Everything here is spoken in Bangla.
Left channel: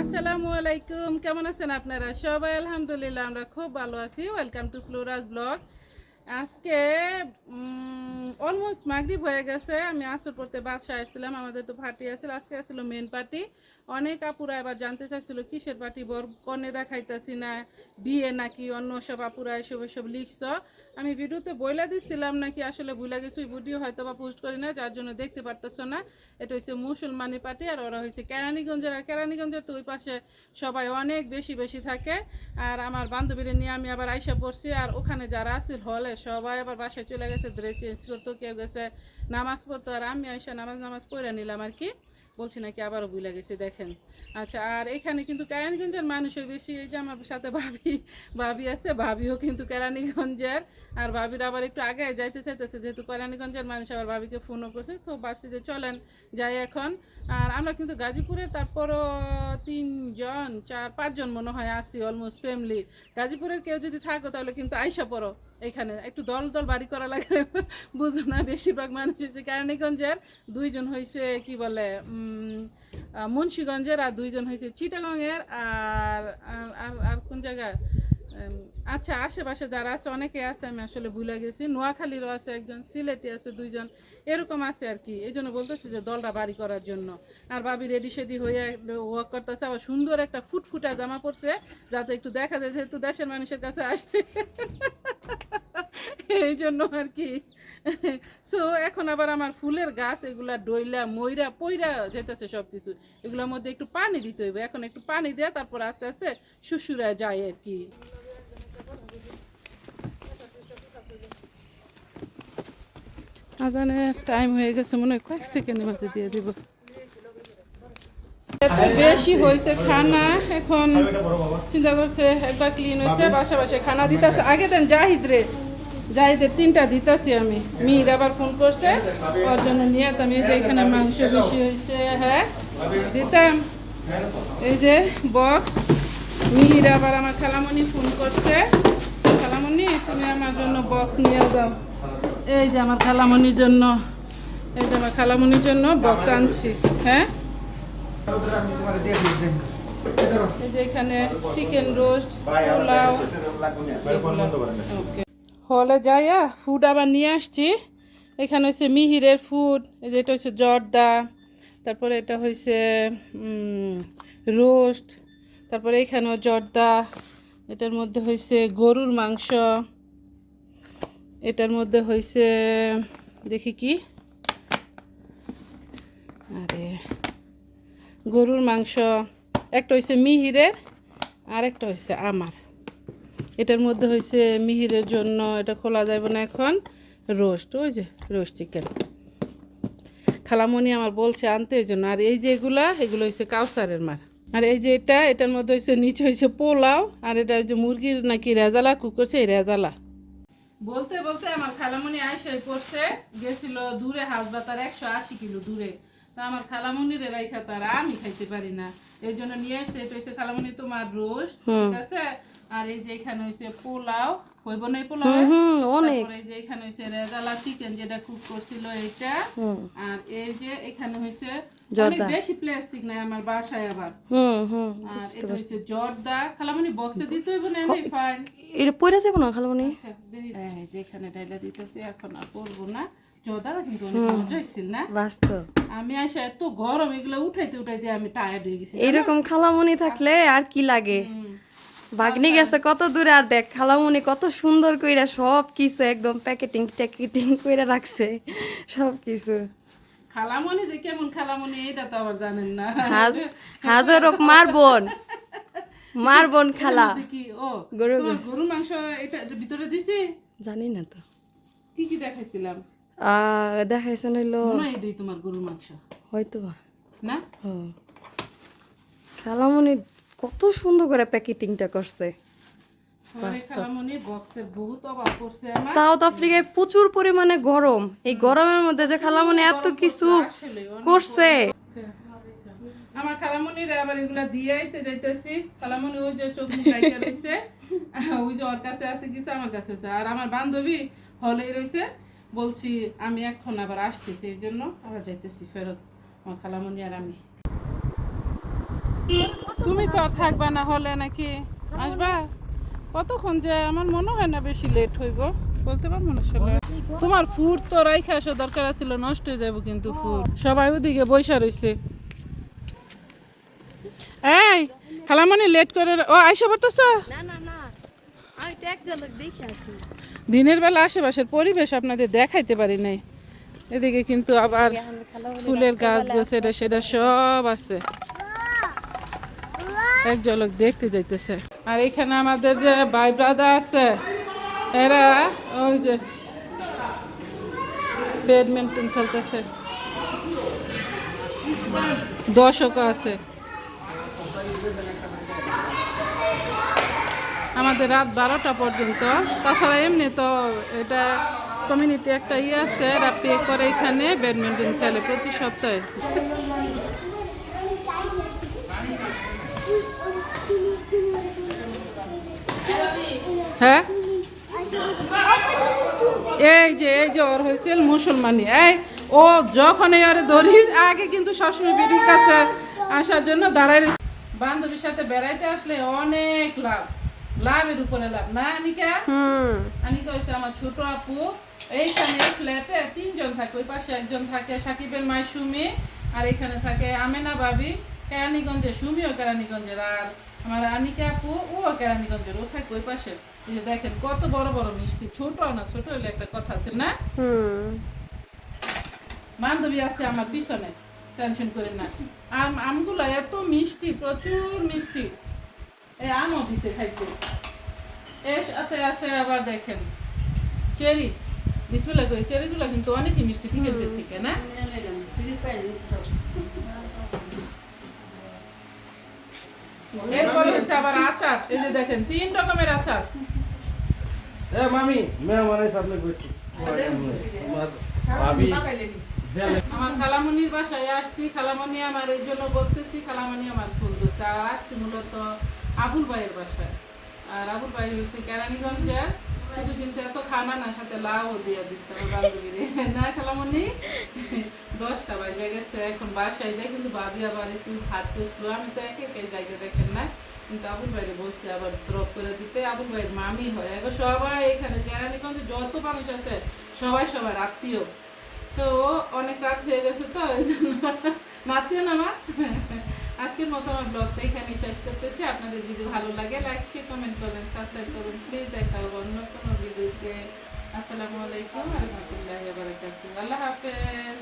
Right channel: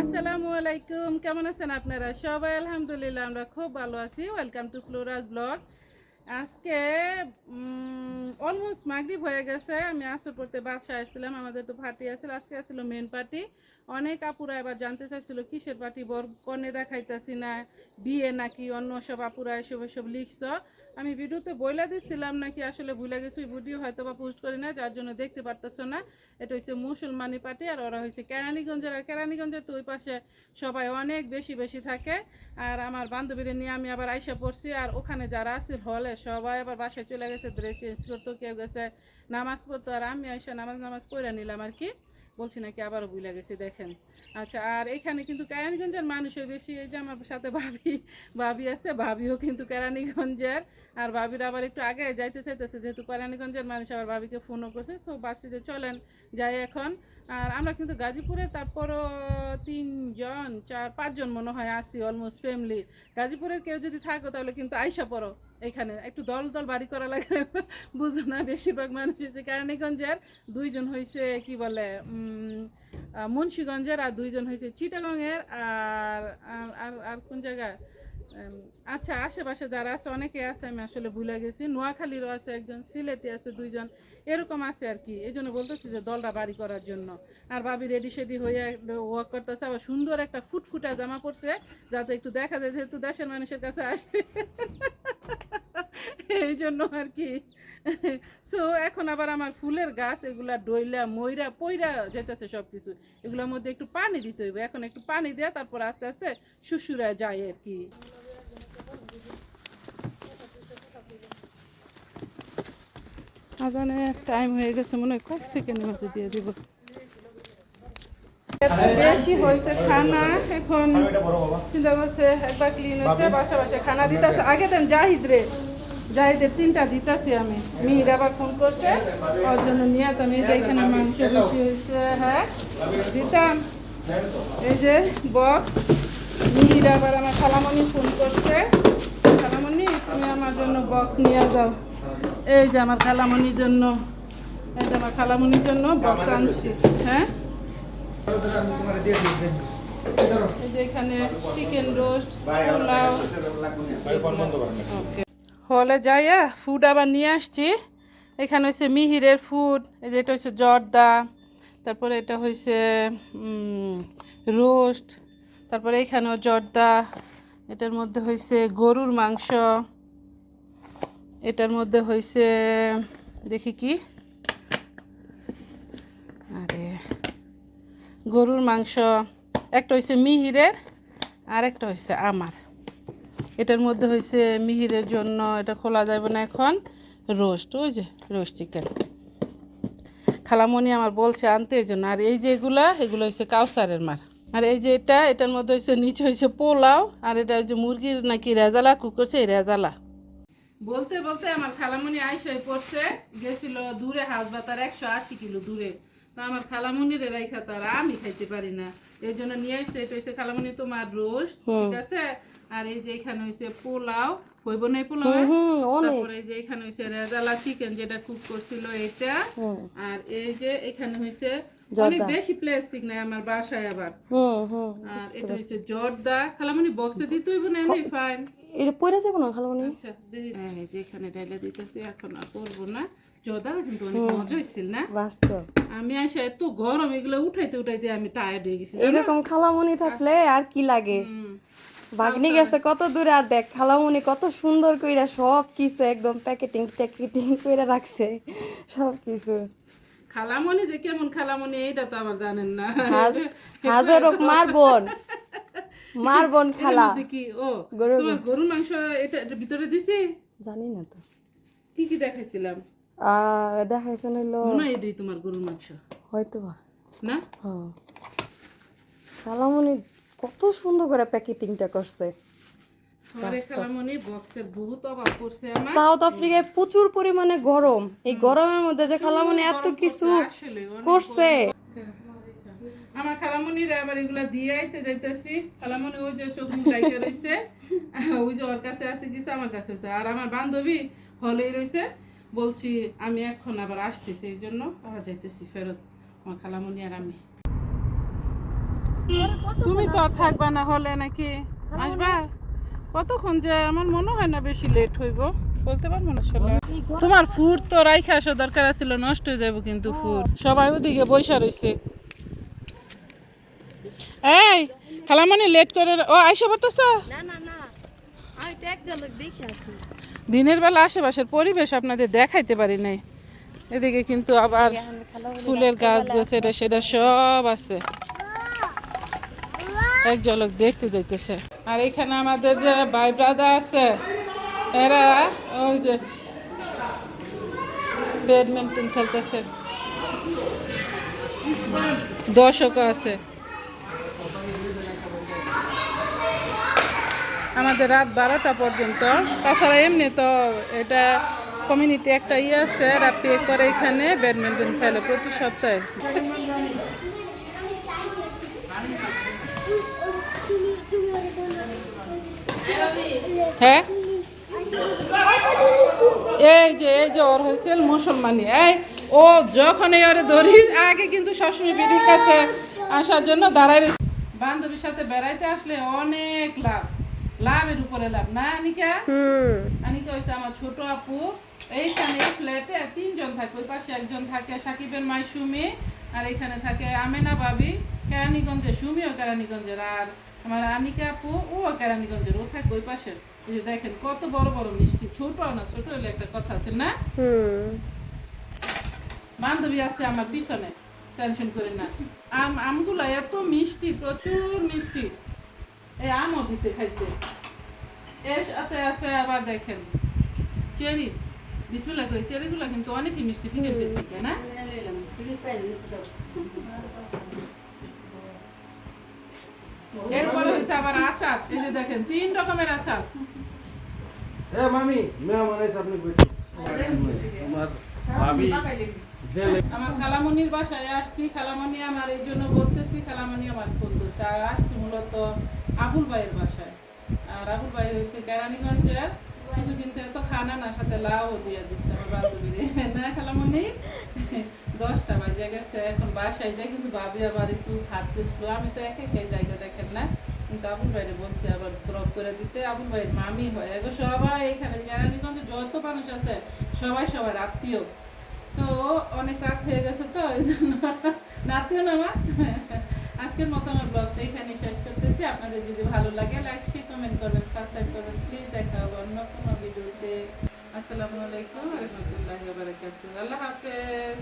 আসসালামু আলাইকুম, কেমন আছেন আপনারা? সবাই আলহামদুলিল্লাহ, আমরা খুব ভালো আছি। ওয়েলকাম টু ফ্লোরাল ব্লগ আজকে অলমোস্ট মাগরিব হয়ে গেছে। আমি আসর পড়তে বাসায় আসছিলাম, আমাদের তো পার্টি আছিল। আজকে আসছিল মেন পার্টি অনেক আপুরা এবার জানতে চাইছিল, কিসের পার্টি বর কনে দেখাইতেছি না, বিয়ে নাকি? অন্য সব আপুরা এসব এসব লিখছ। আমি ভিডিওতে বইলা দিচ্ছিলাম নাকি আসলে ভুলে গেছি ভিডিও হয়তো বা পোস্ট করি না যার জন্য দেখতে পারতেছো না। এটা হচ্ছে মুসলমানি পার্টি আর ওরা হয়েছে কেরানীগঞ্জের, আর কেরানীগঞ্জের তো ওই পাশে সবাই অনেক বেশি বেশি থাকে। আর আমার বান্ধবীরা নিয়ে আমি আবার আইসা পড়ছি, আর ওখানে যারা আছে হলে সবাই আবার বাসায় চলে গেছে ড্রেস চেঞ্জ করতো, কেউ গেছে, নামাজ পড়তো, আর আমি আইসা নামাজ নামাজ পড়ে নিলাম আর কি। বলছি নাকি আবারও ভুলে গেছে, দেখেন। আচ্ছা আর এখানে কিন্তু কেরানীগঞ্জের মানুষই বেশি, এই যে আমার সাথে ভাবি ভাবি আছে, ভাবিও কিন্তু কেরানীগঞ্জের। আর ভাবির আবার একটু আগে যাইতে চাইতেছে, যেহেতু কেরানীগঞ্জের মানুষ আবার ভাবিকে ফোনও করছে, তো ভাবছি যে চলেন যাই এখন। আর আমরা কিন্তু গাজীপুরে তারপরও তিনজন, চার, পাঁচজন মনে হয় আসি অলমোস্ট ফ্যামিলি গাজীপুরের কেউ যদি থাকো তাহলে কিন্তু আইসা পড়ো এখানে। একটু দল দল বাড়ি করা লাগে, বুঝো না বেশিরভাগ মানুষ হচ্ছে কেরানীগঞ্জের, দুইজন হয়েছে কি বলে মুন্সীগঞ্জের আর দুইজন হয়েছে চিটাগংয়ের আর, আর- আর- কোন জায়গায়? আচ্ছা আশেপাশে যারা আছে, অনেকে আছে, আমি আসলে ভুলে গেছি। নোয়াখালীরও আছে একজন, সিলেটি আছে দুইজন, এরকম আছে আর কি। এই জন্য বলতেছি যে দলটা বাড়ি করার জন্য। আর বাবি রেডি সেডি হয়ে ওয়াক করতেছে, আবার সুন্দর একটা ফুটফুটা জামা পরছে, যাতে একটু দেখা যায়, যেহেতু দেশের মানুষের কাছে আসছে। এই জন্য আর কি। সো এখন আবার আমার ফুলের গাছ, এগুলা ডইলা, ময়রা পইরা যেতেছে সব কিছু এগুলোর মধ্যে একটু পানি দিতে হইবে। এখন একটু পানি দেয়া, তারপর আস্তে আস্তে শুশুরা যায় আর কি। টাইম হয়ে গেছে, মনে হয় কয়েক সেকেন্ডের মাঝে দিয়ে দিব। বেশি হয়েছে খানা, এখন চিন্তা করছে একবার ক্লিন হয়েছে, বাসা বাসা খানা দিতেছে। আগে দেন জাহিদ রে, জাহিদের তিনটা দিতেছি আমি। মিহির আবার ফোন করছে, ওর জন্য নিয়ে আমি এই যে এখানে মাংস বেশি হয়েছে হ্যাঁ দিতাম। এই যে বক্স মিহির আবার আমার খালামণি ফোন করছে। খালামণি তুমি আমার জন্য বক্স নিয়ে যাও। এই যে আমার খালামণির জন্য, এই যে আমার খালামণির জন্য বক্স আনছি হ্যাঁ? এখানে চিকেন রোস্ট পোলাও হলে যাইয়া ফুড আবার নিয়ে আসছি। এখানে হচ্ছে মিহিরের ফুড এই যে এটা হচ্ছে জর্দা, তারপরে এটা হচ্ছে রোস্ট তারপরে এখানেও জর্দা, এটার মধ্যে হয়েছে গরুর মাংস, এটার মধ্যে হয়েছে দেখি কি? আরে, গরুর মাংস, একটা হয়েছে মিহিরের আর একটা হয়েছে আমার। এটার মধ্যে হয়েছে মিহিরের জন্য, এটা খোলা যাবে না এখন, রোস্ট, ওই যে রোস্ট চিকেন। খালামণি আমার বলছে আনতে, এই জন্য। আর এই যে এগুলা, এগুলো হচ্ছে কাউসারের মার। আর এই যে এটা, এটার মধ্যে হচ্ছে নিচে হয়েছে পোলাও, আর এটা হচ্ছে মুরগির নাকি রেজালা কুক করছে এই রেজালা। বলতে বলতে আমার খালামণি আইসাই পড়ছে, গেছিল দূরে হাসবাতার একশো আশি কিলো দূরে। তো আমার খালামণির রাইখা তার আমি খাইতে পারি না। এই জন্য নিয়ে আসছে এটা হচ্ছে খালামণি তোমার রোস্ট ঠিক আছে? আর এই যে এখানে হচ্ছে পোলাও হইব না পোলাও? তারপরে এই যে এখানে হচ্ছে রেজালা চিকেন যেটা কুক করছিল এটা। আর এই যে এখানে হয়েছে অনেক বেশি প্লাস্টিক নাই আমার বাসায় আবার। হুম হুম আর এটা হচ্ছে জর্দা। খালামণি বক্সে দিতে হইব না এমনি ফাইন এটা পড়ে যাব না খালামণি আচ্ছা, এই যে এখানে ডাইলা দিতেছি এখন আর করব না। জদা কিন্তু অনেক মজা হয়েছিল না? বাস্তব। আমি আসে এত গরম এগুলো উঠাইতে উঠাইতে আমি টায়ার্ড হয়ে গেছি এরকম থাকলে আর কি লাগে? ভাগ্নি গেছে কত দূরে আর দেখ কত সুন্দর কইরা সব কিছু একদম প্যাকেটিং ট্যাকেটিং কইরা রাখছে সব কিছু যে কেমন খালামণি এটা তো আবার জানেন না। হাজার হোক মার বোন। মার বোন খালা। কি? ও গরুর গরুর মাংস এটা ভিতরে দিছি? জানি না তো। কি কি দেখাইছিলাম? দেখাইছেন হইল তোমার গরুর মাংস। হয়তো না? খালামণি কত সুন্দর করে প্যাকেটিংটা করছে। সাউথ আফ্রিকায় প্রচুর পরিমাণে গরম। এই গরমের মধ্যে যে খালামণি এত কিছু করছে। আমার খালামণির আবার এগুলা দিয়ে আইতে যাইতেছি। খালামণি ওই যে চোখ রইছে। ওই যে ওর কাছে আছে কিছু আমার কাছে আছে। আর আমার বান্ধবী হলেই রইছে। বলছি, আমি এখন আবার আসতেছি, এই জন্য আবার যাইতেছি ফেরত, আমার খালামণি আর আমি। তুমি তো আর থাকবা না হলে নাকি? আসবা? কতক্ষণ যে আমার মনে হয় না বেশি লেট হইব, বলতে পারব না তোমার ফুড তো রাইখে আসা দরকার ছিল নষ্ট হয়ে যাব কিন্তু ফুড সবাই ওদিকে বৈশা রয়েছে এই খালামানি লেট করে ও, আইসা পড়তেছ? না না না। আমি তো এক ঝলক দেখে আসি দিনের বেলা আশেপাশের পরিবেশ আপনাদের দেখাইতে পারি নাই। এদিকে কিন্তু আবার ফুলের গাছ গোছ এটা সেটা সব আছে। এক ঝলক দেখতে যাইতেছে। আর এখানে আমাদের যে ভাই ব্রাদার আছে, এরা ওই যে ব্যাডমিন্টন খেলতেছে। দর্শকও আছে। আমাদের রাত বারোটা পর্যন্ত। তাছাড়া এমনি তো এটা কমিউনিটি একটা ইয়ে আছে, এরা পে করে এখানে ব্যাডমিন্টন খেলে প্রতি সপ্তাহে। হ্যাঁ? এই যে এই যে ওর হয়েছে মুসলমানি। এই, ও যখন এই ওরে ধরি, আগে কিন্তু সবসময় বিদুর কাছে আসার জন্য দাঁড়াই রয়েছে। বান্ধবীর সাথে বেড়াইতে আসলে অনেক লাভ। লাভের উপরে লাভ। না আনিকা? আনিকা হয়েছে আমার ছোট আপু। এইখানে ফ্ল্যাটে তিনজন থাকে ওই পাশে একজন থাকে সাকিবের মাই সুমি আর এখানে থাকে আমেনা ভাবি কেরানীগঞ্জের সুমিও কেরানীগঞ্জের আর আমার আনিকা আপু ও কেরানীগঞ্জের ও থাকে ওই পাশে। দেখেন কত বড় বড় মিষ্টি। ছোট না ছোট হলে একটা কথা আছে না? বান্ধবী আছে আমার পিছনে টেনশন করে না। আম আমগুলো এত মিষ্টি প্রচুর মিষ্টি। এই আমও দিছে খাইতে। এর সাথে আছে আবার দেখেন। চেরি। বিসমিল্লা করে চেরিগুলো কিন্তু অনেকই মিষ্টি পিকের থেকে না? এরপরে হচ্ছে আবার আচার। এই যে দেখেন তিন রকমের আচার। এ মামি মেহমান আপনি বলছি আমার খালামনির বাসায় আসছি খালামনি আমার এই জন্য বলতেছি খালামনি আমার ফোন দিচ্ছে আর আসছি মূলত আবুল ভাইয়ের বাসায়। আর আবুল ভাই হয়েছে কেরানীগঞ্জের। শুধু কিন্তু এত খানা না, সাথে লাউ দিয়ে দিচ্ছে বান্ধবীরে না খালামনি দশটা বাজে গেছে, এখন বাসায় যাই, কিন্তু ভাবি আবার একটু স্লো আমি তো একে একে জায়গা দেখেন না। কিন্তু আবুল ভাইরে বলছি আবার ড্রপ করে দিতে। আবুল ভাইয়ের মামি হয় এগো সবাই এখানে। কেরানীগঞ্জে যত মানুষ আছে, সবাই সবার আত্মীয়। তো অনেক রাত হয়ে গেছে তো ওই জন্য নাতিও না আজকের মতো আমার ব্লগটা এখানে শেষ করতেছি। আপনাদের যদি ভালো লাগে লাইক শেয়ার কমেন্ট করবেন সাবস্ক্রাইব করবেন প্লিজ দেখা হবে অন্য কোনো ভিডিওতে। আসসালামু আলাইকুম বারকাতুহ। আল্লাহ হাফেজ।